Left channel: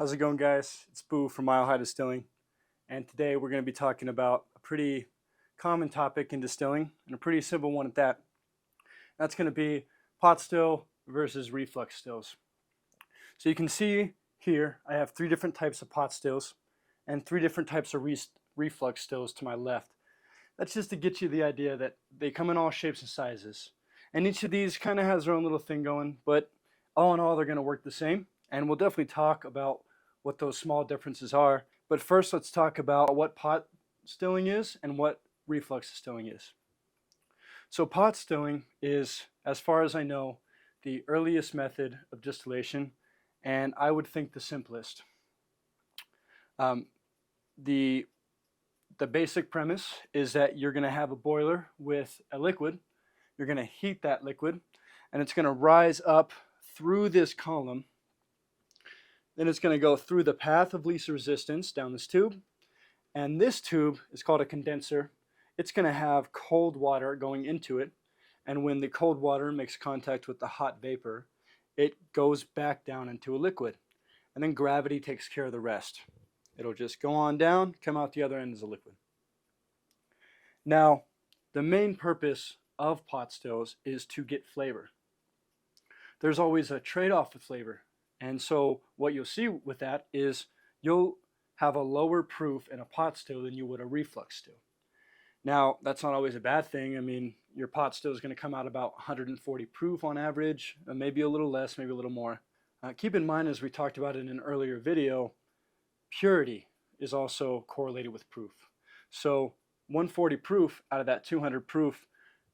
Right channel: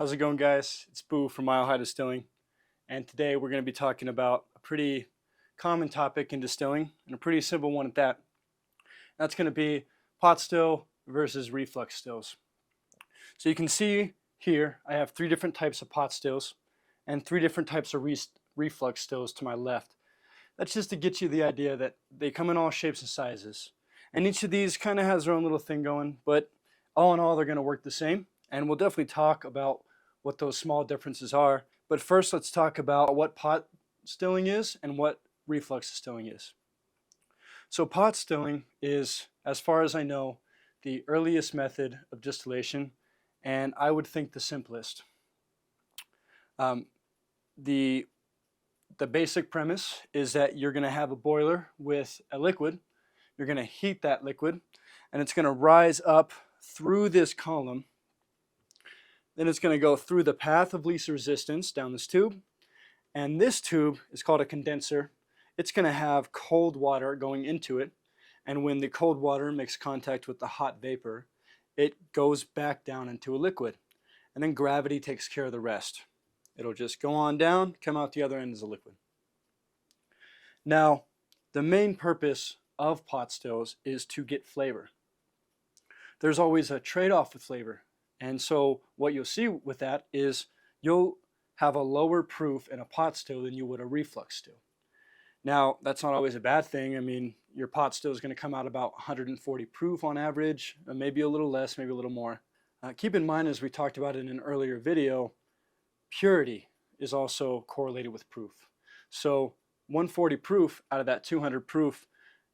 How's it going, guys? It's Boo from Mile High Distilling, and today we're going to be talking about a pretty common topic in distilling, and a pretty simple one at that. That's going to be pot still versus reflux stills. So you can see here I have three different types of pot stills and three different types of reflux stills to my left. That's just to get you the idea that they come in all shapes and sizes, and each of these kind of has their own little thing going, but all in all they're going to work the same. And we'll definitely talk about what those small differences are. But first, let's talk about what pot stilling is and what reflux distilling is. So pot stilling is, as far as I know, the earliest method of distillation, and I would think the simplest. The basic premise is that you're going to have a boiler with a liquid. You're going to heat that liquid, and it's going to rise up through this column. Then it's going to go through the path of least resistance down this tube. And this tube is called a condenser. It's going to have cold water going into it. And when the cold water makes contact with the hot vapor, it goes back down into a liquid. And then gravity takes care of the rest. It'll just go on down, come out the other end as a liquid. Now, the main purpose of pot stills is to get flavor. There's always a trade-off with flavor. And so what you'll see with that is you'll have a lower proof in a pot still than you would a reflux still. Now, that's not always a bad thing. I mean, your pot still is going to come out about 140 proof on average, maybe a little less, maybe a little more. Keep in mind, as we talked about in an earlier video, purity is also correlated with proof. So 140 proof out of that 200 proof,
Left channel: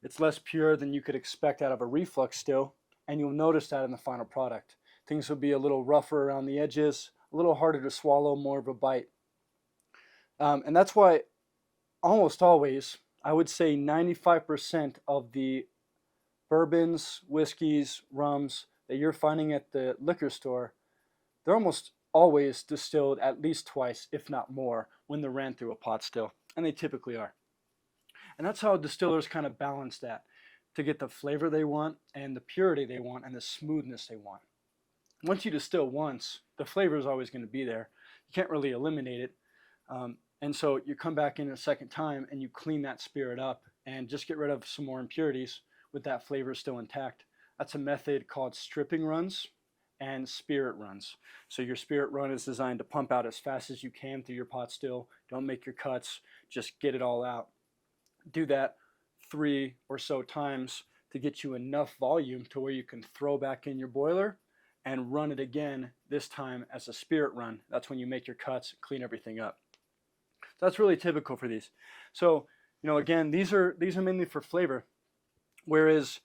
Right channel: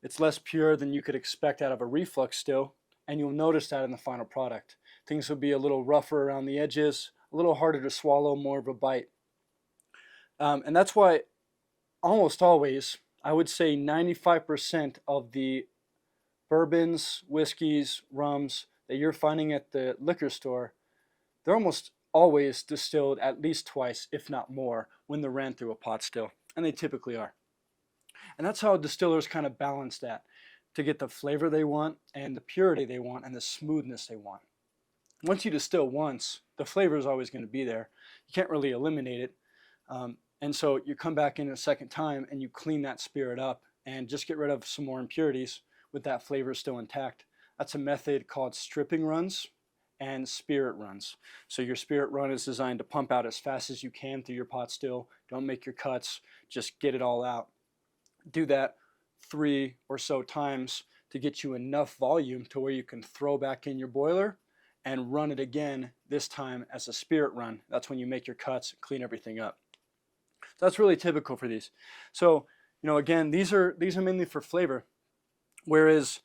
it's less pure than you could expect out of a reflux still, and you'll notice that in the final product. Things will be a little rougher around the edges, a little harder to swallow, more of a bite. And that's why almost always, I would say 95% of the bourbons, whiskeys, rums that you're finding at the liquor store, they're almost always distilled at least twice, if not more, when they're ran through a pot still. And they typically are. And that's how distillers kind of balance that to get the flavor they want and the purity they want and the smoothness they want. Once you distill once, the flavor is always going to be there. You can't really eliminate it. And so you come back in a second time and you clean that spirit up and just get rid of some more impurities with that flavor still intact. That's a method called stripping runs and spirit runs. So your spirit run is designed to pump out as fast as you can through your pot still. Don't make your cuts, just get it all out. Do that 3 or so times to get you enough volume to where you can throw back in your boiler and run it again, this time as a spirit run. That's when you make your cuts, clean everything up. So that's really typical for these. So, again, these are mainly for flavor, whereas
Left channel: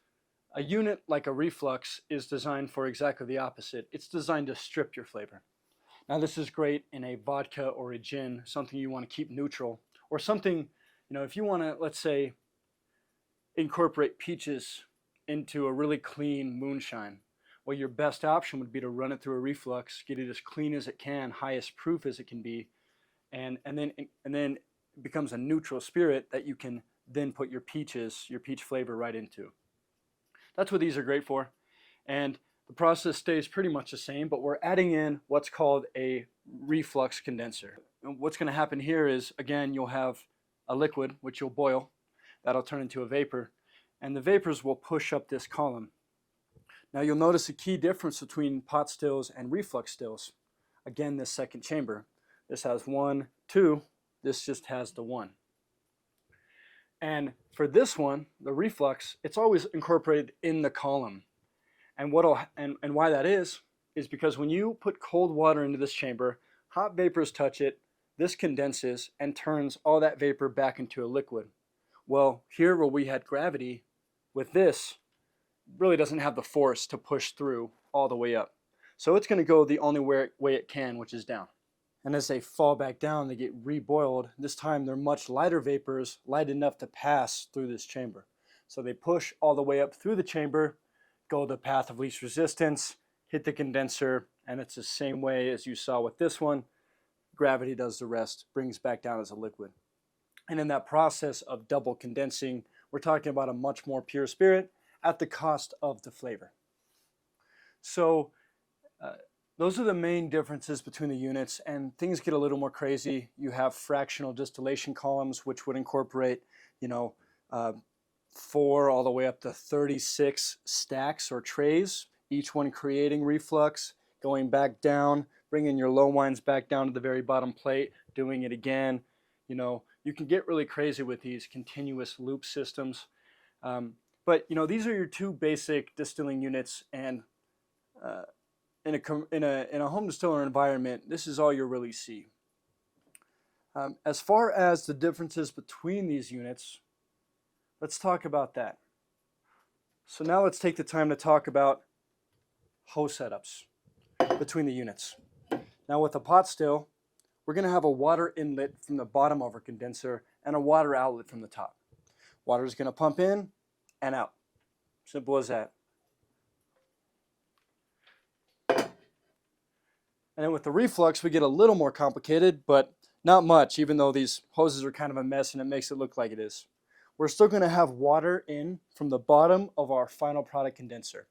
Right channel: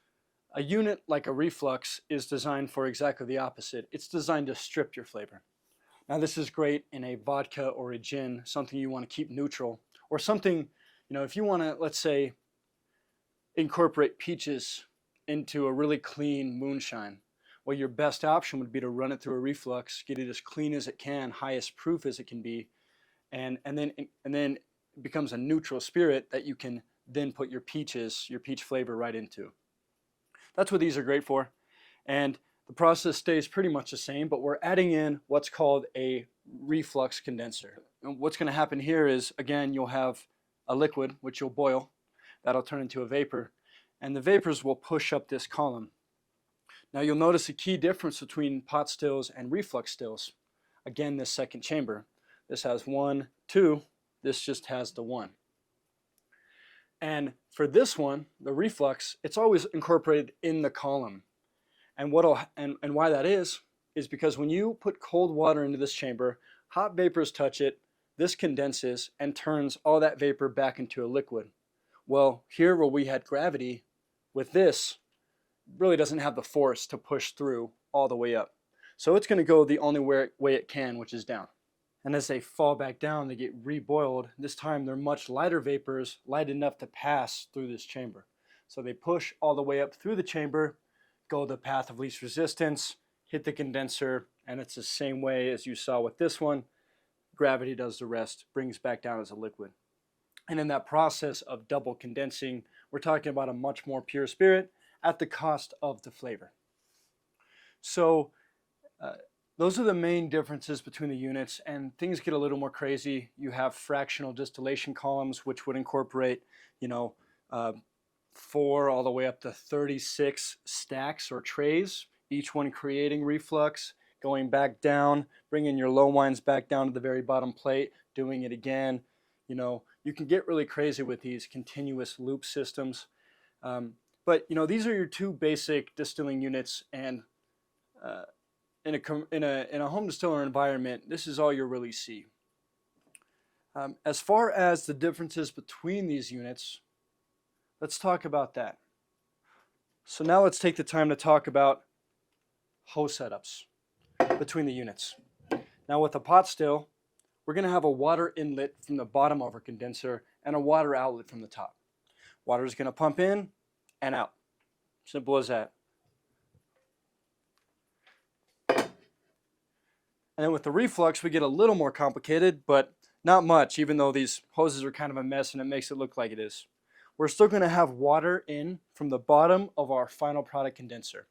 a unit like a reflux is designed for exactly the opposite. It's designed to strip your flavor. Now, this is great in a vodka or a gin, something you want to keep neutral, or something, if you want to, let's say, incorporate peaches into a really clean moonshine. Well, your best option would be to run it through a reflux, get it as clean as it can, highest proof as it can be, and then it becomes a neutral spirit that you can then put your peach flavor right into. That's what these are great for, and the process stays pretty much the same, but we're adding in what's called a reflux condenser. And what's going to happen here is, again, you'll have a liquid, which you'll boil. That'll turn into a vapor, and the vapors will push up this column. Now you'll notice a key difference between pot stills and reflux stills. Again, this second chamber. This has 1, 2. This just has the 1. And for this one, the reflux, it's always incorporated in the column. And why that is because when you put cold water into this chamber, hot vapors touch it, this condenses and turns all that vapor back into a liquid. Well, here where we had gravity, with this, really doesn't have the force to push through all the way up. So it's going to go the only way it can, which is down. And as they fall back down, they get reboiled. This time they're much lighter vapors, light enough to pass through this chamber. So they push all the way up through the chamber, go the path of least resistance, hit the condenser, and it's the same way as you saw with this one. Gravity does the rest, brings back down as a liquid. And in that process of double condensing, we're talking about a much more pure spirit at the cost of the flavor. So those are the main differences between the units, and things get a little more crazy. You have fractional distillation columns, which would incorporate, you know, uh, 4 all the way up to 36 stacks or trays, each one creating reflux, going back down, bringing your low wines back down to the very bottom plate, doing it again. You can get really crazy with these continuous loop systems. But these are your two basic distilling units, and uh, in a home distiller environment, this is all you'll really see. As far as the differences between these units, let's talk about that. So now let's take the time to talk about hose setups between the units. Now with the pot still, we're going to have a water inlet from the bottom of our condenser and a water outlet from the top. Water is going to pump in and out. Simple as that. And with the reflux, we get a little more complicated, but not much, even though these hoses are kind of a mess and it makes it look like it is. We're still going to have water in from the bottom of our final product condenser.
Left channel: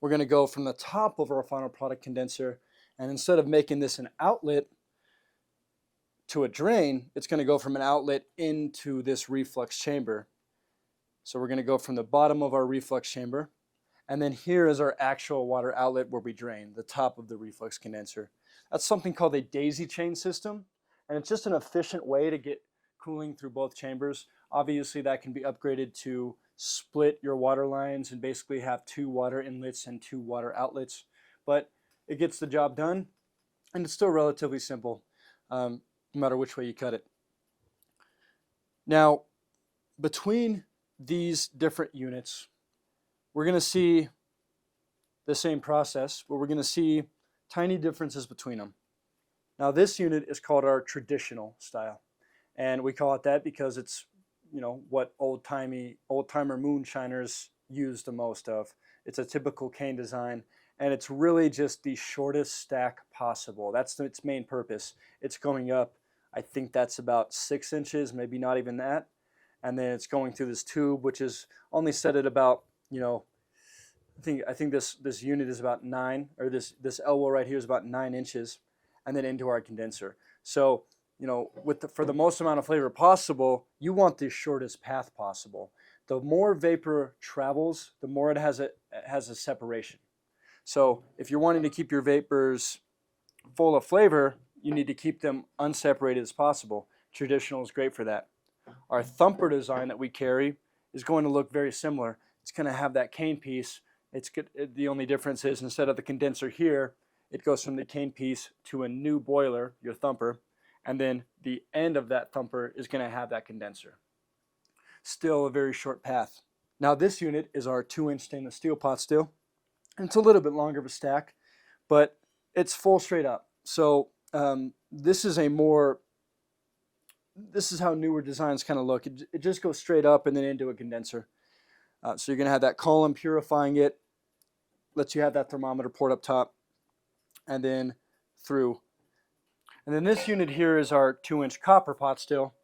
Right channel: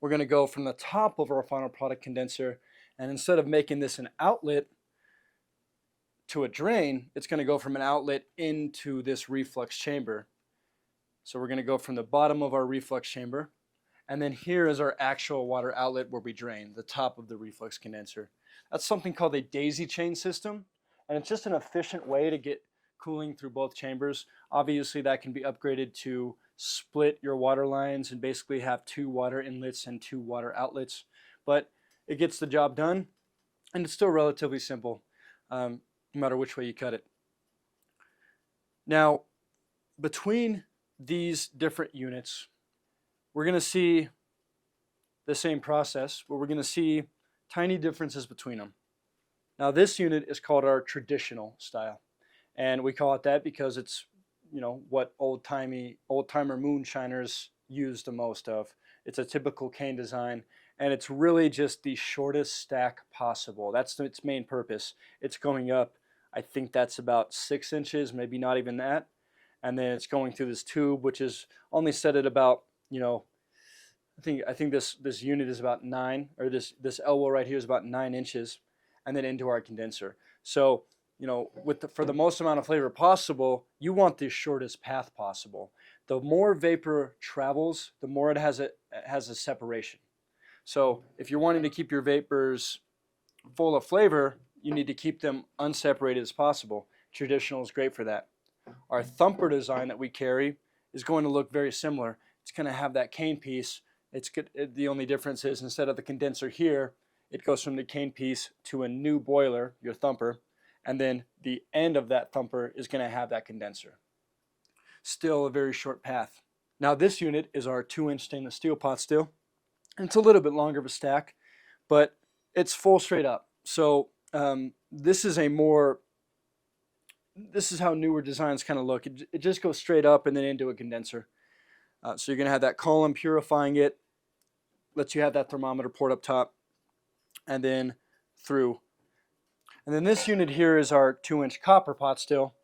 We're going to go from the top of our final product condenser, and instead of making this an outlet to a drain, it's going to go from an outlet into this reflux chamber. So we're going to go from the bottom of our reflux chamber, and then here is our actual water outlet where we drain, the top of the reflux condenser. That's something called a daisy chain system, and it's just an efficient way to get cooling through both chambers. Obviously, that can be upgraded to split your water lines and basically have 2 water inlets and 2 water outlets, but it gets the job done, and it's still relatively simple, no matter which way you cut it. Now, between these different units, we're going to see the same process, but we're going to see tiny differences between them. Now, this unit is called our traditional style, and we call it that because it's what old-timer moonshiners use the most of. It's a typical cane design, and it's really just the shortest stack possible. That's its main purpose. It's going up, I think that's about 6 inches, maybe not even that, and then it's going through this tube, which is only set at about, I think this unit is about 9, or this elbow right here is about 9 inches, and then into our condenser. So for the most amount of flavor possible, you want the shortest path possible. The more vapor travels, the more it has a separation. So if you're wanting to keep your vapors full of flavor, you need to keep them unseparated as possible. Traditional is great for that. Our thumper design that we carry is going to look very similar. It's going to have that cane piece. The only difference is instead of the condenser here, it goes from the cane piece to a new boiler, your thumper, and then the end of that thumper is going to have that condenser. Still a very short path. Now this unit is our 2-inch stainless steel pot still. It's a little bit longer of a stack, but it's full straight up. So this is how newer designs kind of look. It just goes straight up and then into a condenser. So you're going to have that column purifying it, lets you have that thermometer port up top, and then through. And then this unit here is our 2-inch copper pot still.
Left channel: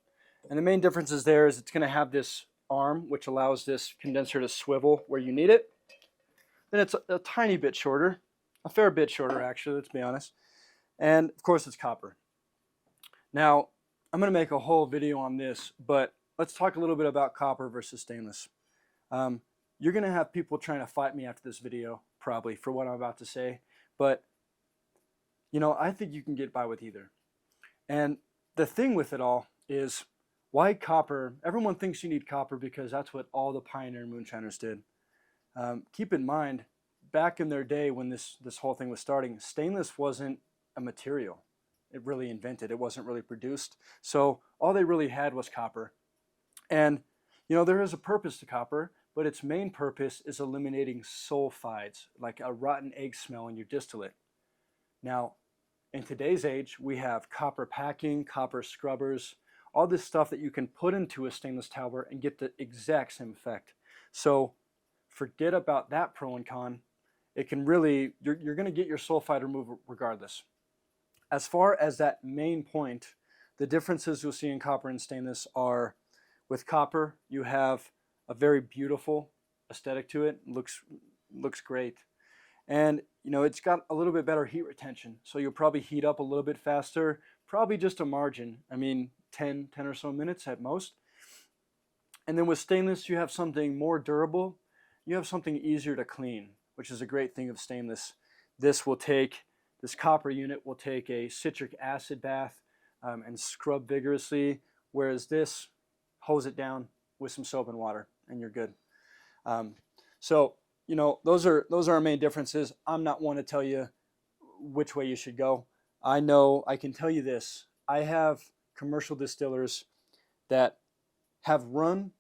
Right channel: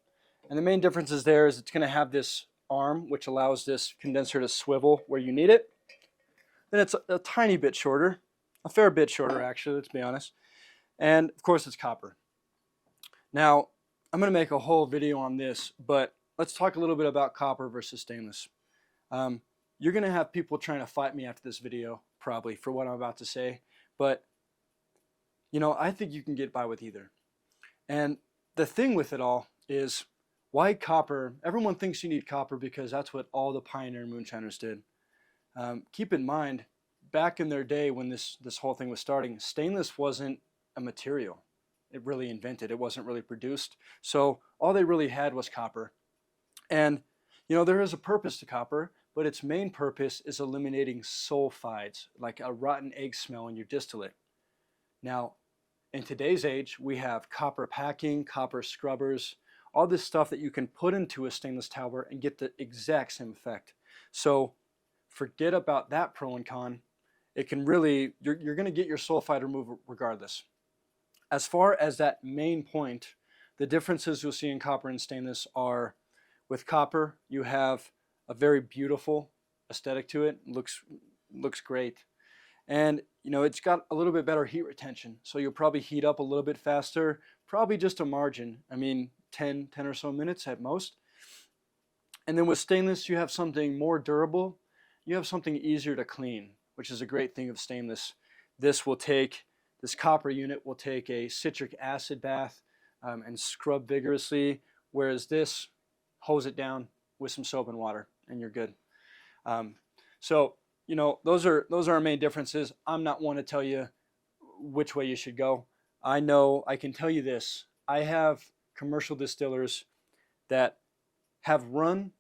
And the main difference is it's going to have this arm, which allows this condenser to swivel where you need it. Then it's a tiny bit shorter, a fair bit shorter actually, let's be honest. And of course it's copper. Now, I'm going to make a whole video on this, but let's talk a little bit about copper versus stainless. You're going to have people trying to fight me after this video, probably, for what I'm about to say. But I think you can get by with either. And the thing with it all is, why copper? Everyone thinks you need copper because that's what all the pioneer moonshiners did. Keep in mind, back in their day when this whole thing was starting, stainless wasn't a material. It really invented. It wasn't really produced. So all they really had was copper. And there is a purpose to copper, but its main purpose is eliminating sulfides, like a rotten egg smell in your distillate. Now, in today's age, we have copper packing, copper scrubbers, all this stuff that you can put into a stainless tower and get the exact same effect. So forget about that pro and con. It can really, you're going to get your sulfide removed regardless. As far as that main point, the differences you'll see in copper and stainless are, with copper, you have a very beautiful aesthetic to it. Looks great. And it's got a little bit better heat retention, so you'll probably heat up a little bit faster, probably just a margin. I mean, 10 or so minutes at most. And then with stainless, you have something more durable. You have something easier to clean, which is a great thing of stainless. This copper unit will take a citric acid bath and scrub vigorously, whereas this, hose it down with some soap and water, and you're good. So those are our main differences. I'm not one to tell you which way you should go. I know I can tell you this. I have commercial distillers that have run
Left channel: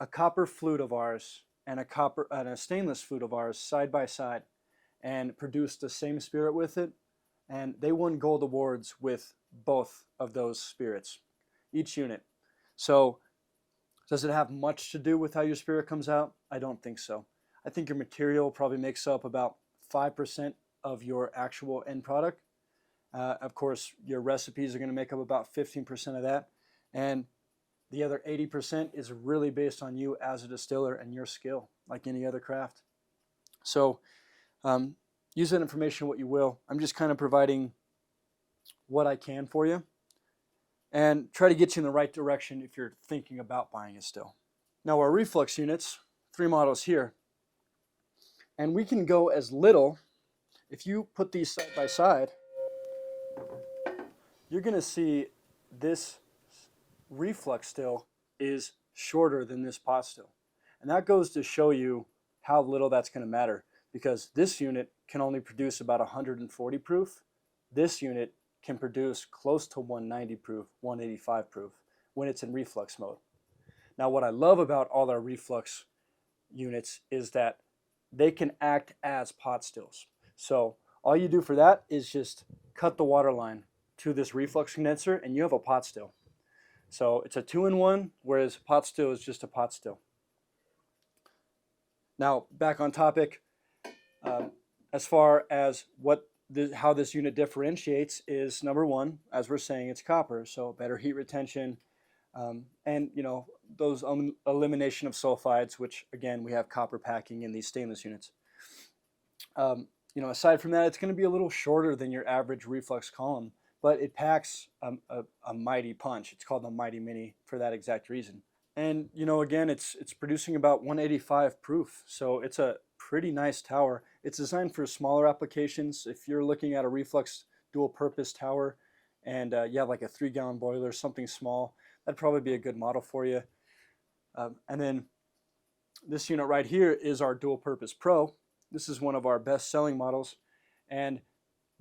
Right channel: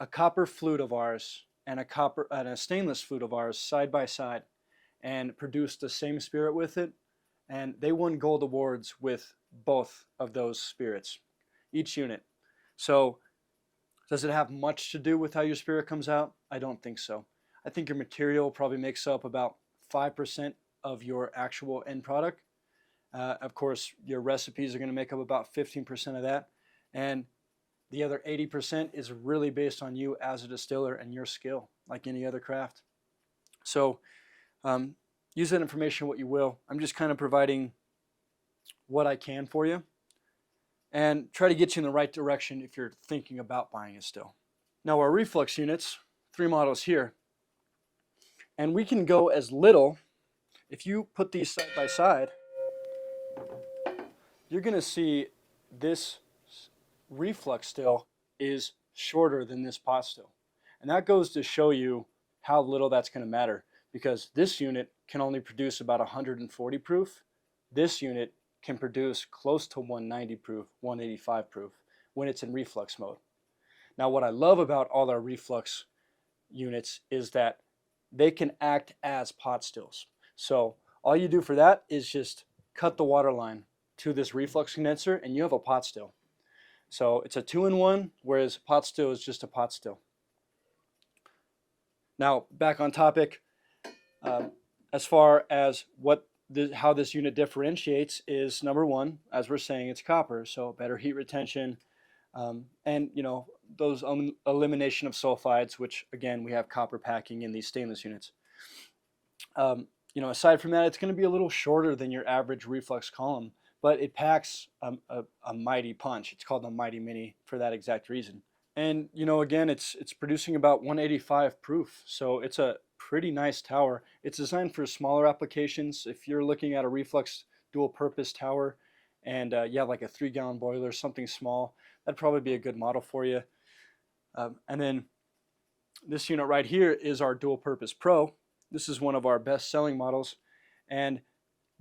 a copper flute of ours and a stainless flute of ours side by side and produced the same spirit with it, and they won gold awards with both of those spirits, each unit. So does it have much to do with how your spirit comes out? I don't think so. I think your material probably makes up about 5% of your actual end product. Of course, your recipes are going to make up about 15% of that. And the other 80% is really based on you as a distiller and your skill, like any other craft. So use that information what you will. I'm just kind of providing what I can for you and try to get you in the right direction if you're thinking about buying a still. Now our reflux units, 3 models here, and we can go as little, if you put these side by side, you're going to see this reflux still is shorter than this pot still. And that goes to show you how little that's going to matter, because this unit can only produce about 140 proof. This unit can produce close to 190 proof, 185 proof when it's in reflux mode. Now what I love about all our reflux units is that they can act as pot stills. So all you do for that is just cut the water line to this reflux condenser and you have a pot still. So it's a 2-in-1, whereas pot still is just a pot still. Now back on topic, as far as how this unit differentiates is, number one, as we're saying, it's copper, so better heat retention, and those elimination of sulfides, which again we have copper packing in these stainless units. Aside from that, it's going to be a little shorter than your average reflux column, but it packs a mighty punch. It's called a Mighty Mini for that exact reason. And again, it's producing about 185 proof, so it's a pretty nice tower. It's designed for smaller applications. If you're looking at a reflux dual purpose tower and you have like a 3-gallon boiler, something small, that'd probably be a good model for you. And then this unit right here is our dual purpose pro. This is one of our best selling models. And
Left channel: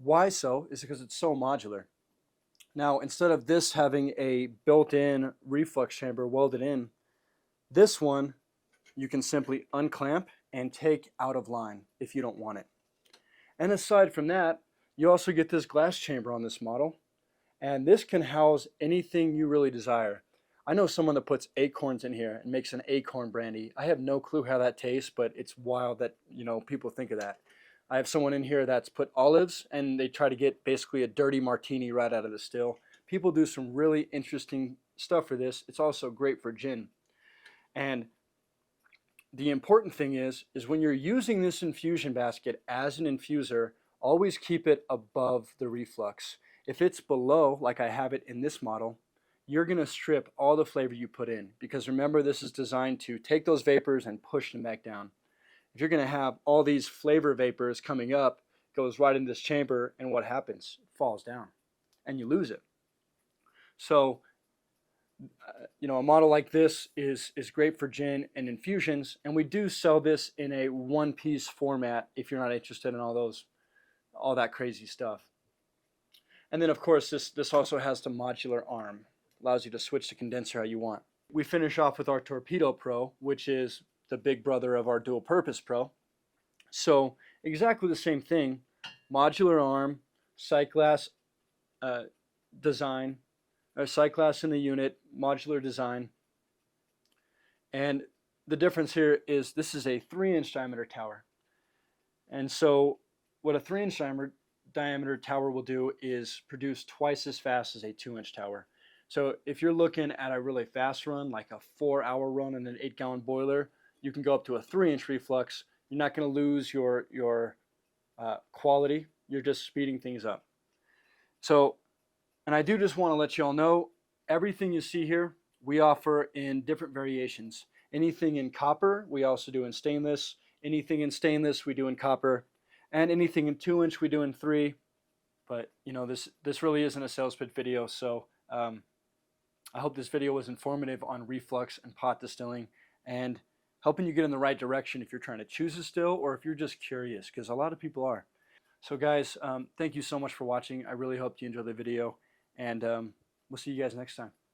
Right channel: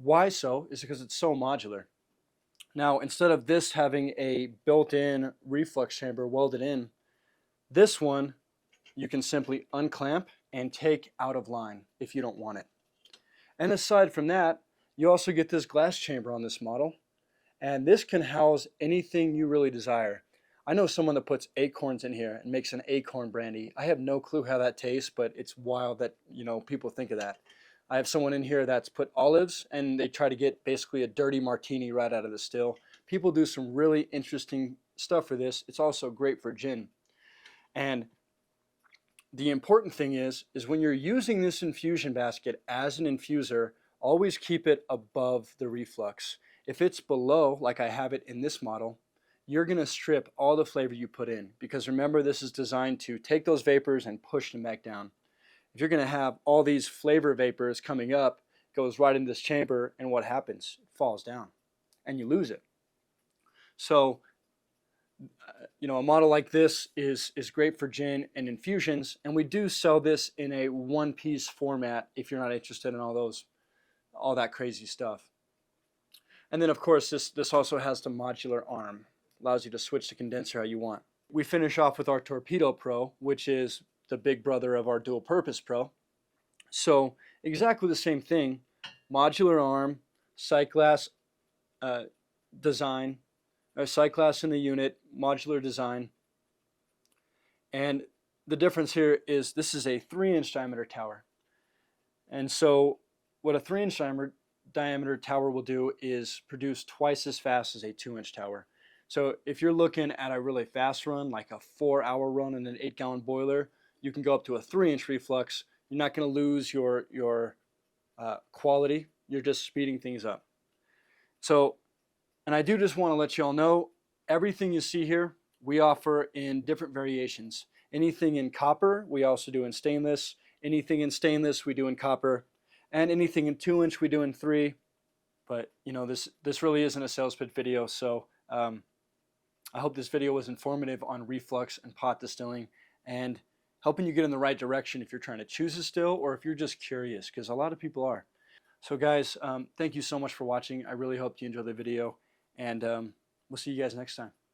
why so is because it's so modular. Now, instead of this having a built-in reflux chamber welded in, this one you can simply unclamp and take out of line if you don't want it. And aside from that, you also get this glass chamber on this model, and this can house anything you really desire. I know someone that puts acorns in here and makes an acorn brandy. I have no clue how that tastes, but it's wild that people think of that. I have someone in here that's put olives, and they try to get basically a dirty martini right out of the still. People do some really interesting stuff for this. It's also great for gin. And the important thing is when you're using this infusion basket as an infuser, always keep it above the reflux. If it's below, like I have it in this model, you're going to strip all the flavor you put in, because remember, this is designed to take those vapors and push them back down. If you're going to have all these flavor vapors coming up, it goes right in this chamber, and what happens? It falls down and you lose it. So a model like this is great for gin and infusions, and we do sell this in a one-piece format if you're not interested in all that crazy stuff. And then of course this also has the modular arm, allows you to switch the condenser how you want. We finish off with our Torpedo Pro, which is the big brother of our Dual Purpose Pro. So exactly the same thing, modular arm, sight glass design, or sight glass in the unit, modular design. And the difference here is this is a 3-inch diameter tower. And so what a 3-inch diameter tower will do is produce twice as fast as a 2-inch tower. So if you're looking at a really fast run, like a 4-hour run in an 8-gallon boiler, you can go up to a 3-inch reflux. You're not going to lose your quality. You're just speeding things up. So, and I do just want to let you all know, everything you see here, we offer in different variations. Anything in copper, we also do in stainless. Anything in stainless, we do in copper. And anything in 2-inch, we do in 3. But, you know, this really isn't a sales pitch video, so I hope this video was informative on reflux and pot distilling and helping you get in the right direction if you're trying to choose a still or if you're just curious, because a lot of people are. So guys, thank you so much for watching. I really hope you enjoyed the video, and we'll see you guys next time.